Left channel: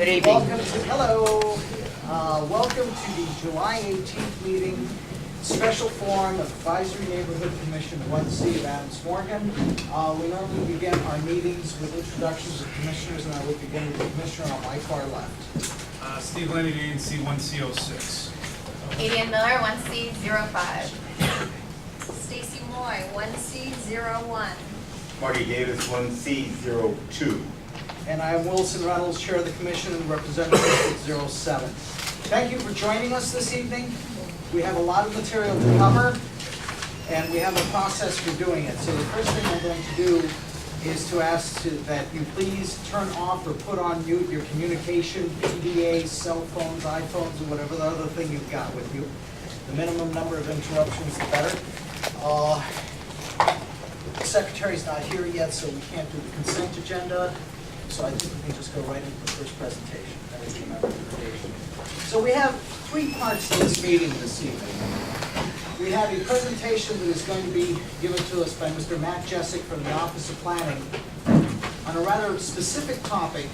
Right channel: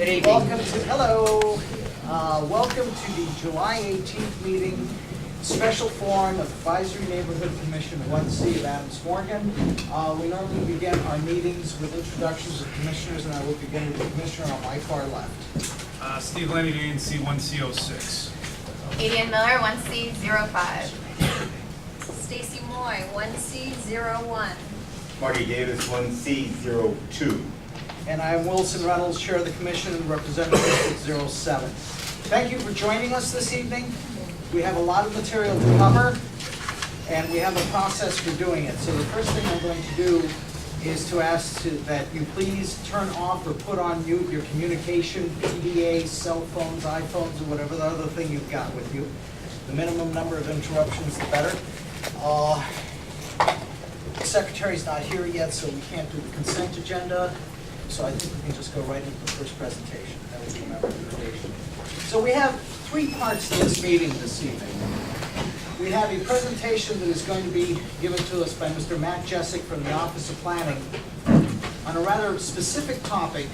Good evening. Welcome to the July 18th meeting, special forum of Advisory Neighborhood Commission 1C of Adams Morgan. We normally begin our meetings with introductions of commissioners, and I will begin with the commissioner on my far left. Steve Lenny, ANC 1C06. Adrian Miller, 1C05. Stacy Moy, 1C01. Marty Davis, 1C02. And I am Wilson Reynolds, Chair of the Commission and Representative District 07. Thank you for joining us this evening. We have a lot of material to cover, and we have a process for doing it. So the first thing I'm going to do is to ask that you please turn off or put on mute your communication, PDA, cell phones, iPhones, or whatever the other thing you've got with you. The minimum number of interruptions, the better. The secretary's not here yet, so we can't do the consent agenda. So I think we can just go right into the first presentation. That would be my recommendation. So we have three parts to this meeting this evening. We have a presentation that is going to be given to us by Mr. Matt Jessic from the Office of Planning on a rather specific topic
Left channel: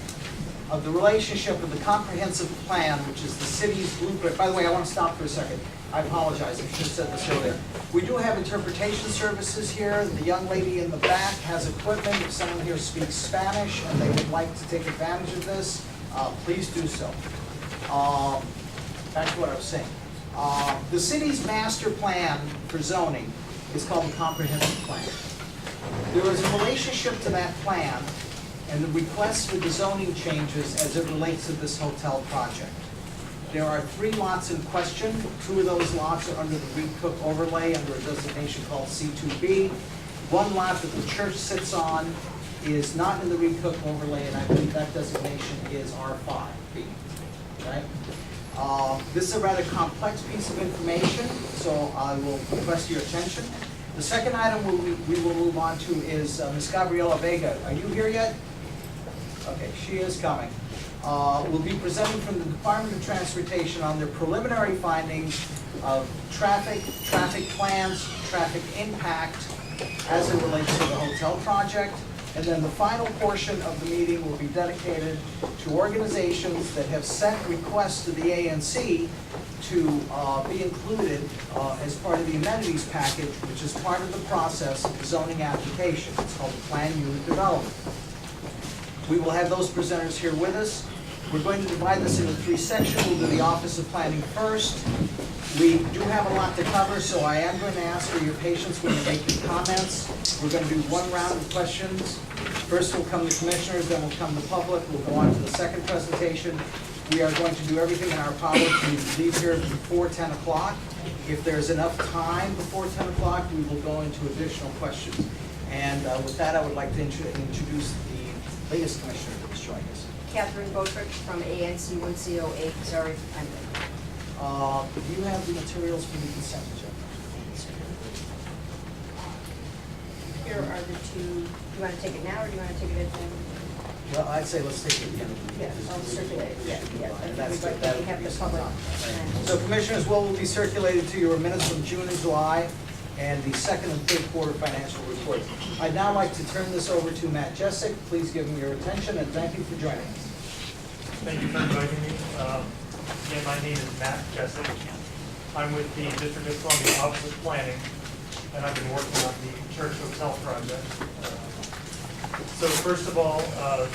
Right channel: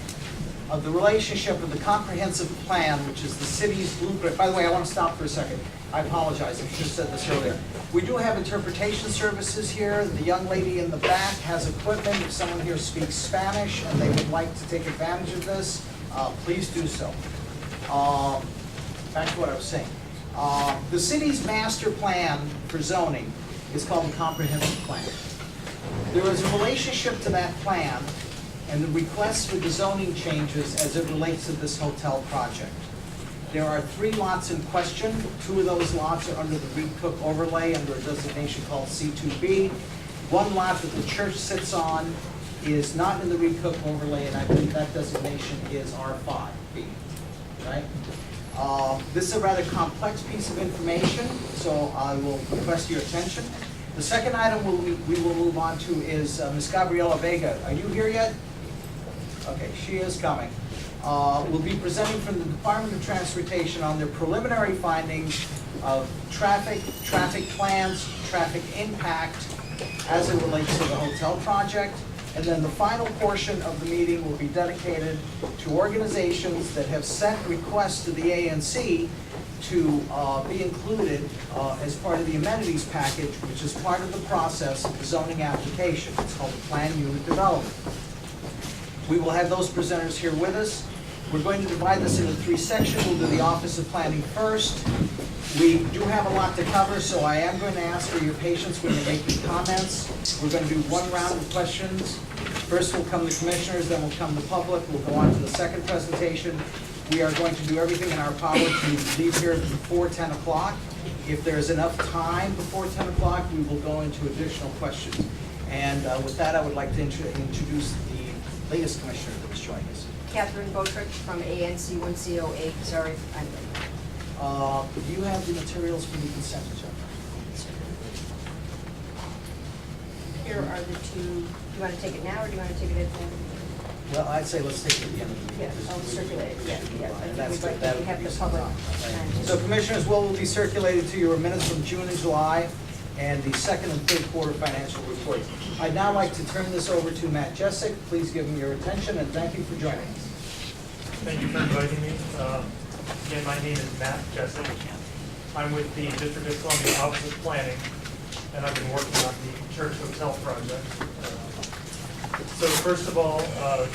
of the relationship of the comprehensive plan, which is the city's blueprint. By the way, I want to stop for a second. I apologize, I should have said this earlier. We do have interpretation services here. The young lady in the back has equipment. If someone here speaks Spanish and they would like to take advantage of this, please do so. Back to what I was saying. The city's master plan for zoning is called the comprehensive plan. There is a relationship to that plan and the requests for the zoning changes as it relates to this hotel project. There are 3 lots in question. 2 of those lots are under the Reed Cook overlay under a designation called C2B. 1 lot that the church sits on is not in the Reed Cook overlay, and I believe that designation is R5B, right? This is a rather complex piece of information, so I will request your attention. The second item we will move on to is Ms. Gabriela Vega. Are you here yet? Okay, she is coming. Will be presenting from the Department of Transportation on their preliminary findings of traffic plans, traffic impact as it relates to the hotel project. And then the final portion of the meeting will be dedicated to organizations that have sent requests to the ANC to be included as part of the amenities package, which is part of the process of the zoning application. It's called the Plan Unit Development. We will have those presenters here with us. We're going to divide this into 3 sections. We'll do the Office of Planning first. We do have a lot to cover, so I am going to ask for your patience when you make your comments. We're going to do 1 round of questions. First will come the commissioners, then will come the public. We'll go on to the second presentation. We are going to do everything in our power to leave here before 10 o'clock. If there's enough time before 10 o'clock, we will go into additional questions. And with that, I would like to introduce the latest commissioner that is joining us. Catherine Botrich from ANC 1C08. Sorry, I'm late. Do you have the materials for the consent agenda? Here are the 2. Do you want to take it now, or do you want to take it at the end? Well, I'd say let's take it at the end of the meeting. Yeah, I'll circulate it. Yeah. And I that's think that we have the public. So commissioners, what will be circulated to your minutes from June and July and the second and third quarter financial reports. I'd now like to turn this over to Matt Jessic. Please give him your attention and thank you for joining us. Thank you for inviting me. Again, my name is Matt Jessic. I'm with the District of Columbia Office of Planning, and I've been working on the church hotel project. So first of all, let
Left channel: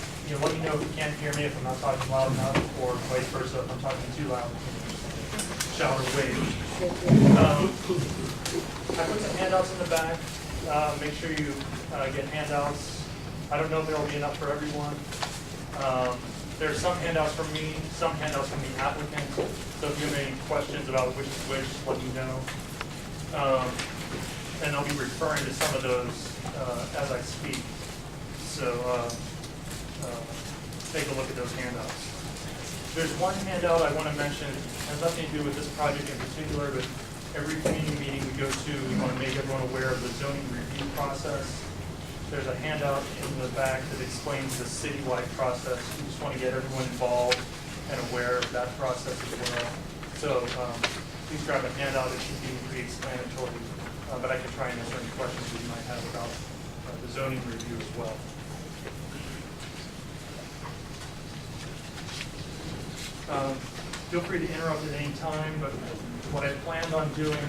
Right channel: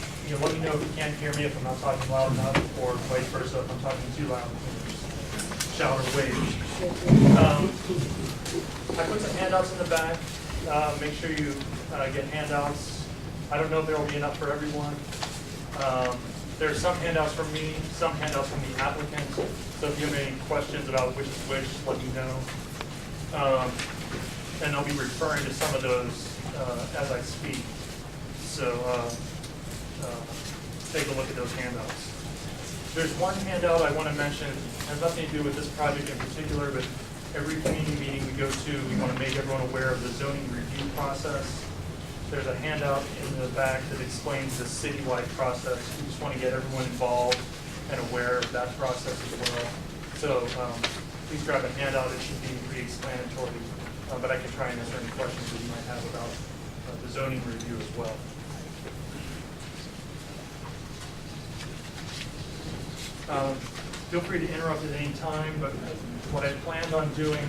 me know if you can't hear me, if I'm not talking loud enough, or vice versa, if I'm talking too loud. Shower wave. I put some handouts in the back. Make sure you get handouts. I don't know if there will be enough for everyone. There's some handouts from me, some handouts from the applicant. So if you have any questions about which is which, let me know. And I'll be referring to some of those as I speak. So take a look at those handouts. There's one handout I want to mention. It has nothing to do with this project in particular, but every community meeting we go to, we want to make everyone aware of the zoning review process. There's a handout in the back that explains the citywide process. We just want to get everyone involved and aware of that process as well. So please grab a handout. It should be pretty explanatory, but I can try and answer any questions that you might have about the zoning review as well. Feel free to interrupt at any time, but what I planned on doing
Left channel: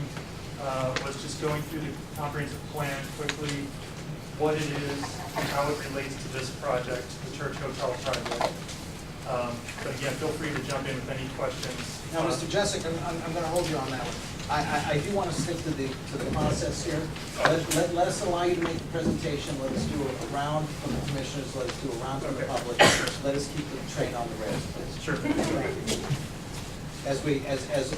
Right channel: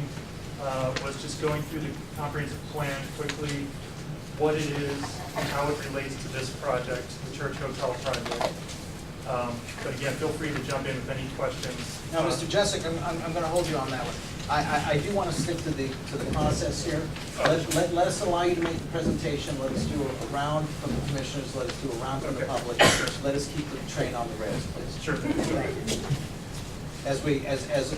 was just going through the comprehensive plan quickly, what it is, and how it relates to this project, the Church Hotel project. But again, feel free to jump in with any questions. Now, Mr. Jessic, I'm gonna hold you on that one. I do wanna stick to the process here. Let us allow you to make the presentation, let us do a round from the commissioners, let us do a round from the Okay. public. Let us keep the train on the rails, please. Sure. As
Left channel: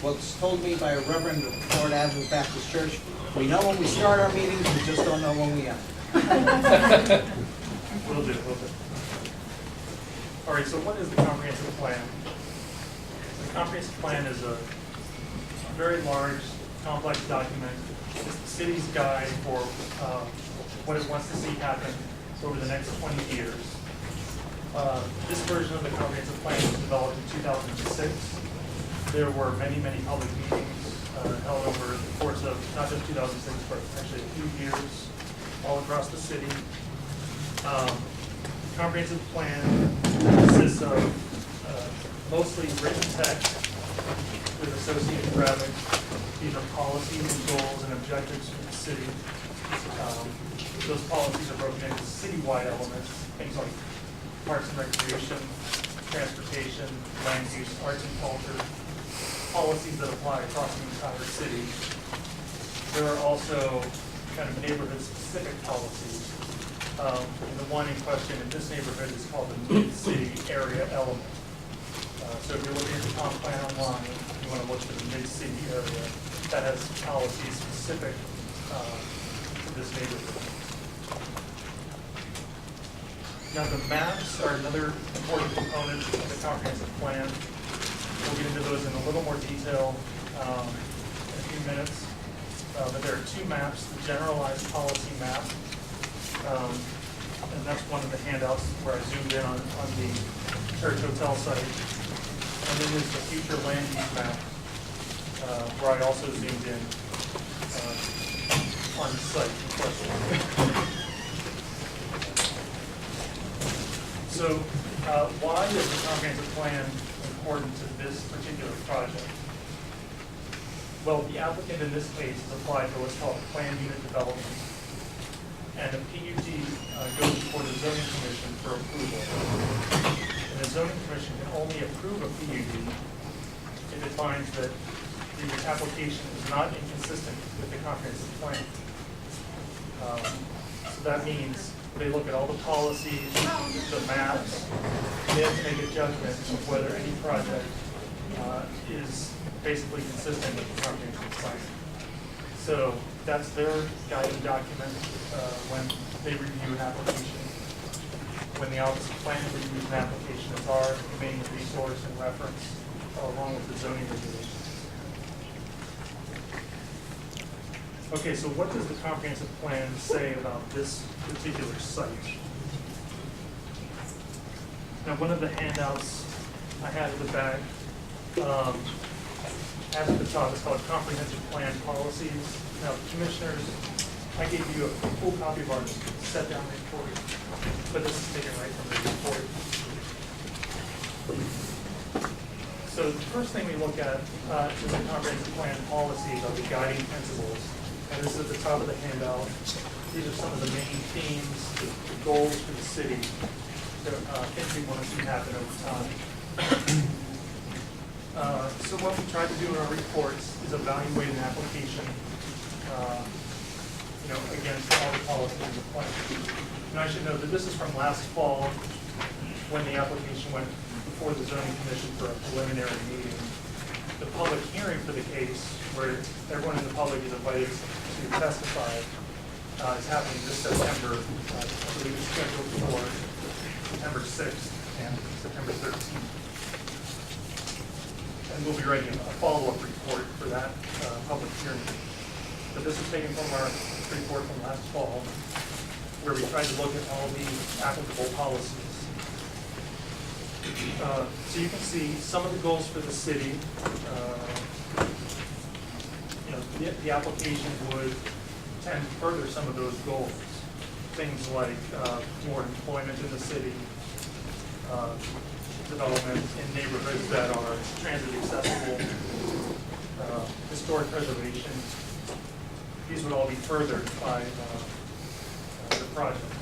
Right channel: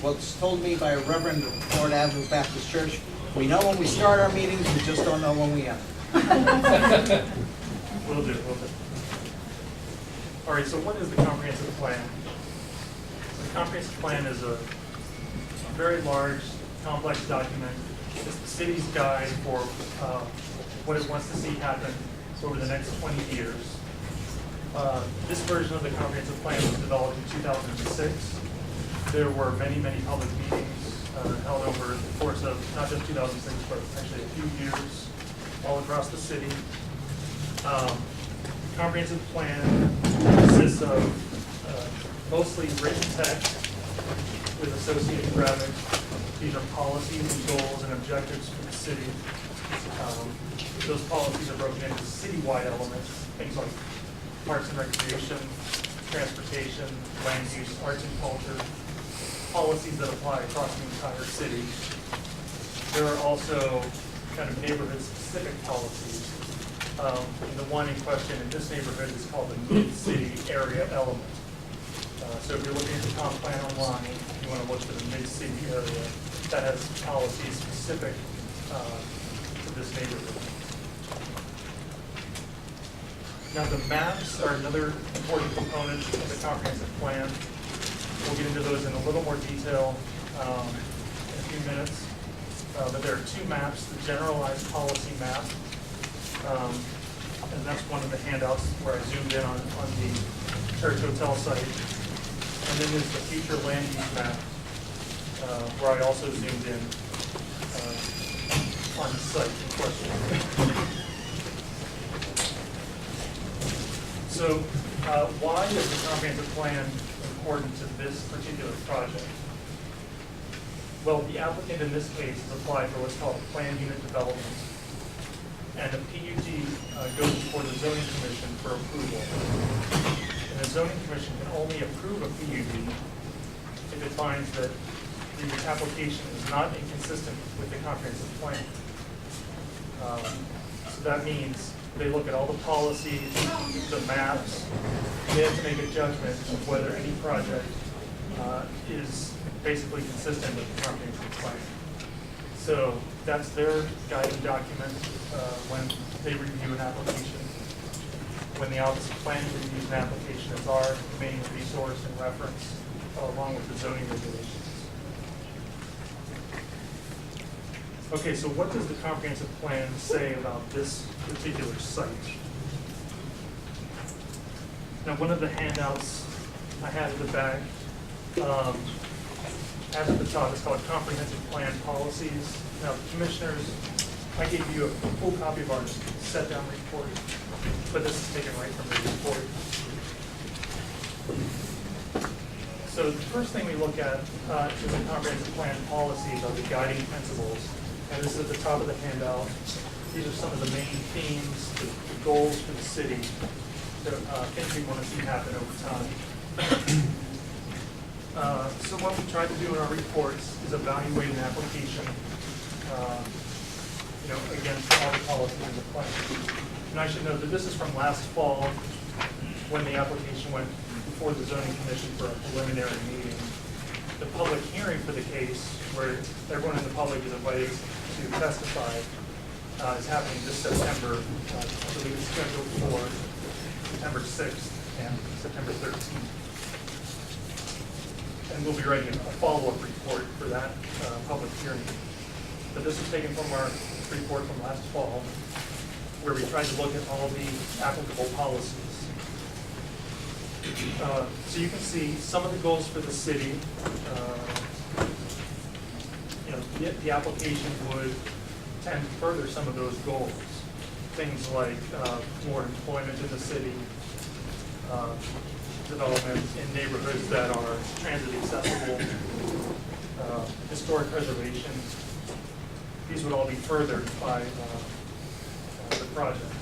was told me by a Reverend Ford Avenue Baptist Church, we know when we start our meetings, we just don't know when we end. Will do. All right, so what is the comprehensive plan? The comprehensive plan is a very large, complex document. It's the city's guide for what it wants to see happen over the next 20 years. This version of the comprehensive plan was developed in 2006. There were many, many public meetings held over the course of not just 2006, but actually a few years all across the city. Comprehensive plan consists of mostly written text with associated graphics. These are policies and goals and objectives for the city. Those policies are broken into citywide elements, things like parks and recreation, transportation, land use, arts and culture, policies that apply across the entire city. There are also kind of neighborhood-specific policies. And the one in question in this neighborhood is called the mid-city area element. So if you're looking at the comp plan online, you want to look for the mid-city area that has policies specific to this neighborhood. Now the maps are another important component of the comprehensive plan. We'll get into those in a little more detail in a few minutes. But there are two maps, the generalized policy map, and that's one of the handouts where I zoomed in on the Church Hotel site. And then there's the future land use map, where I also zoomed in on the site in question. So why is the comprehensive plan important to this particular project? Well, the applicant in this case has applied for what's called planned unit development. And the PUD goes before the zoning commission for approval. And the zoning commission can only approve a PUD if it finds that the application is not inconsistent with the comprehensive plan. So that means they look at all the policies, the maps, they have to make a judgment of whether any project is basically consistent with the comprehensive plan. So that's their guiding document when they review an application. When the Office of Planning reviews an application, it's our main resource and reference along with the zoning regulations. Okay, so what does the comprehensive plan say about this particular site? Now, one of the handouts I had at the back has at the top, it's called Comprehensive Plan Policies. Now, commissioners, I gave you a full copy of our set-down report, but this is taken right from the report. So the first thing we look at is the comprehensive plan policies are the guiding principles. And this is at the top of the handout. These are some of the main themes, the goals for the city, that things we want to see happen over time. So what we try to do in our reports is evaluate an application, against all the policies in the plan. And I should note that this is from last fall, when the application went before the zoning commission for a preliminary meeting. The public hearing for the case, where everyone in the public is invited to testify, is happening this September. I believe it's scheduled for September 6th and September 13th. And we'll be writing a follow-up report for that public hearing. But this is taken from our report from last fall, where we tried to look at all the applicable policies. So you can see some of the goals for the city. The application would tend to further some of those goals. Things like more employment in the city, development in neighborhoods that are transit accessible, historic preservation. These would all be furthered by the project.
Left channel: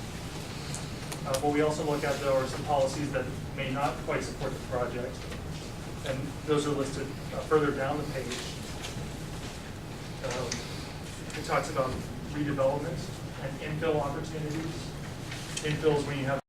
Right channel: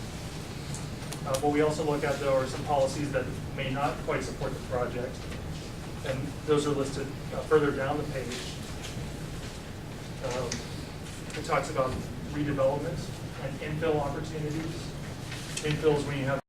What we also look at, though, are some policies that may not quite support the project, and those are listed further down the page. It talks about redevelopment and infill opportunities. Infill is when you have